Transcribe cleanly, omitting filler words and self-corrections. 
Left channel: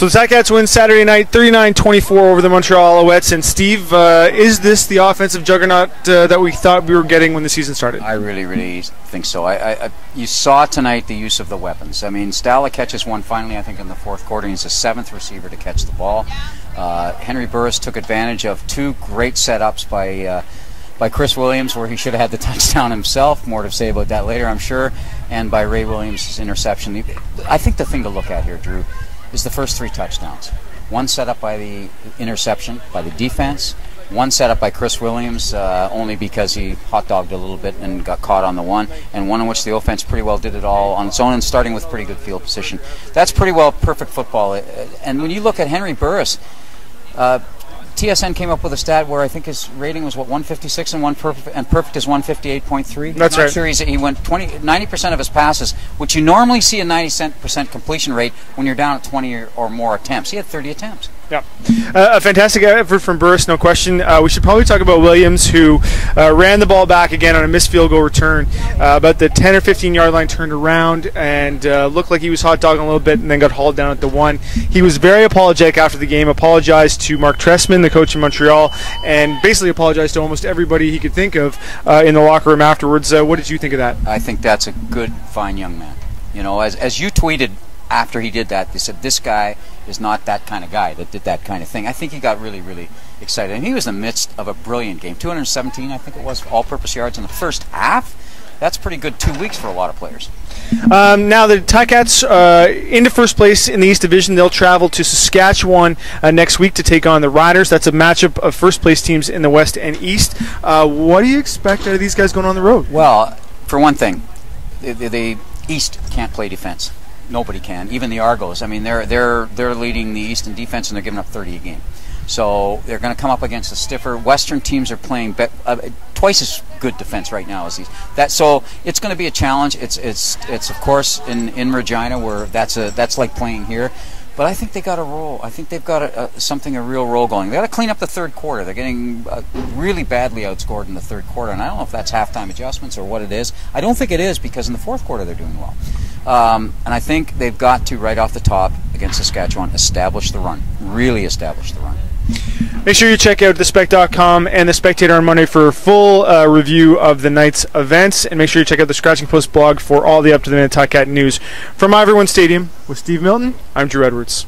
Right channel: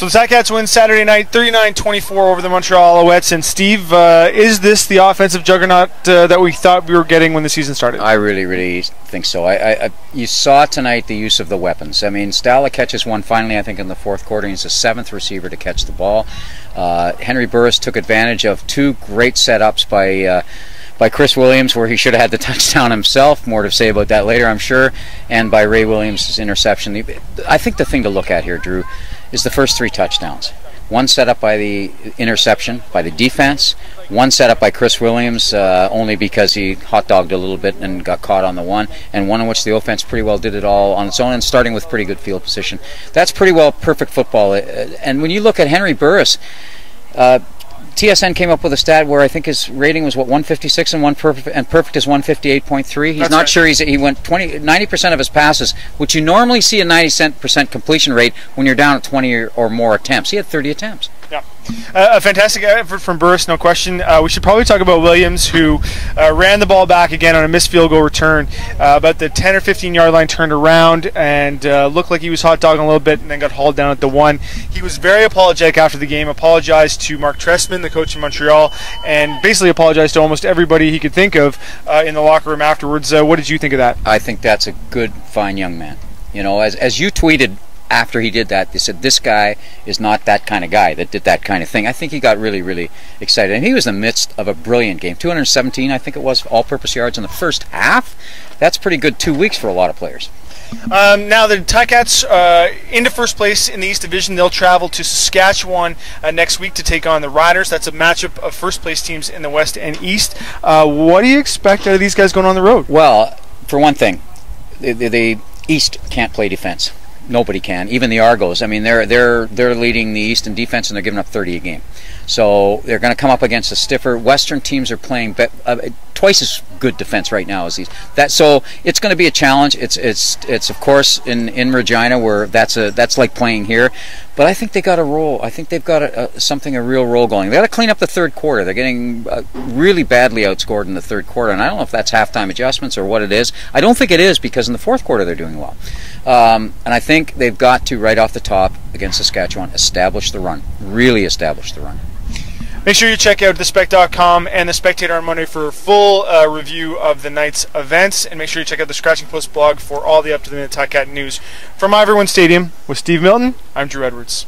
So the Ticats win Saturday night 39-24 over the Montreal Alouettes. And Steve, is this the offensive juggernaut that we thought we were getting when the season started? I really think so. You saw tonight the use of the weapons. I mean, Stala catches one finally, I think, in the fourth quarter. He's the seventh receiver to catch the ball. Henry Burris took advantage of two great setups by Chris Williams, where he should have had the touchdown himself. More to say about that later, I'm sure. And by Ray Williams' interception. I think the thing to look at here, Drew, is the first three touchdowns. One set up by the interception by the defense, one set up by Chris Williams only because he hot-dogged a little bit and got caught on the one, and one in which the offense pretty well did it all on its own and starting with pretty good field position. That's pretty well perfect football. And when you look at Henry Burris, TSN came up with a stat where I think his rating was 156 and perfect is 158.3. He's not sure he went 90% of his passes, which you normally see a 90% completion rate when you're down at 20 or more attempts. He had 30 attempts. Yeah, a fantastic effort from Burris, no question. We should probably talk about Williams, who ran the ball back again on a missed field goal return. About the 10 or 15 yard line, turned around and looked like he was hot dogging a little bit, and then got hauled down at the one. He was very apologetic after the game. Apologized to Mark Trestman, the coach in Montreal, and basically apologized to almost everybody he could think of in the locker room afterwards. What did you think of that? I think that's a good, fine young man. You know, as you tweeted after he did that, they said, this guy is not that kind of guy that did that kind of thing. I think he got really excited. And he was in the midst of a brilliant game. 217, I think it was, all-purpose yards in the first half. That's pretty good 2 weeks for a lot of players. Now the Ticats into first place in the East Division. They'll travel to Saskatchewan next week to take on the Riders. That's a matchup of first place teams in the West and East. What do you expect out of these guys going on the road? Well, for one thing, the East can't play defense. Nobody can, even the Argos. I mean, they're leading the East in defense, and they're giving up 30 a game. So they're going to come up against a stiffer. Western teams are playing twice as good defense right now as these. So it's going to be a challenge. It's of course in Regina, where that's like playing here. But I think they got a roll. I think they've got a real roll going. They got to clean up the third quarter. They're getting really badly outscored in the third quarter, and I don't know if that's halftime adjustments or what it is. I don't think it is, because in the fourth quarter they're doing well. And I think they've got to, right off the top against Saskatchewan, establish the run. Really establish the run. Make sure you check out thespec.com and The Spectator on Monday for a full review of the night's events. And make sure you check out the Scratching Post blog for all the up-to-the-minute Ticat news. From Ivory One Stadium, with Steve Milton, I'm Drew Edwards.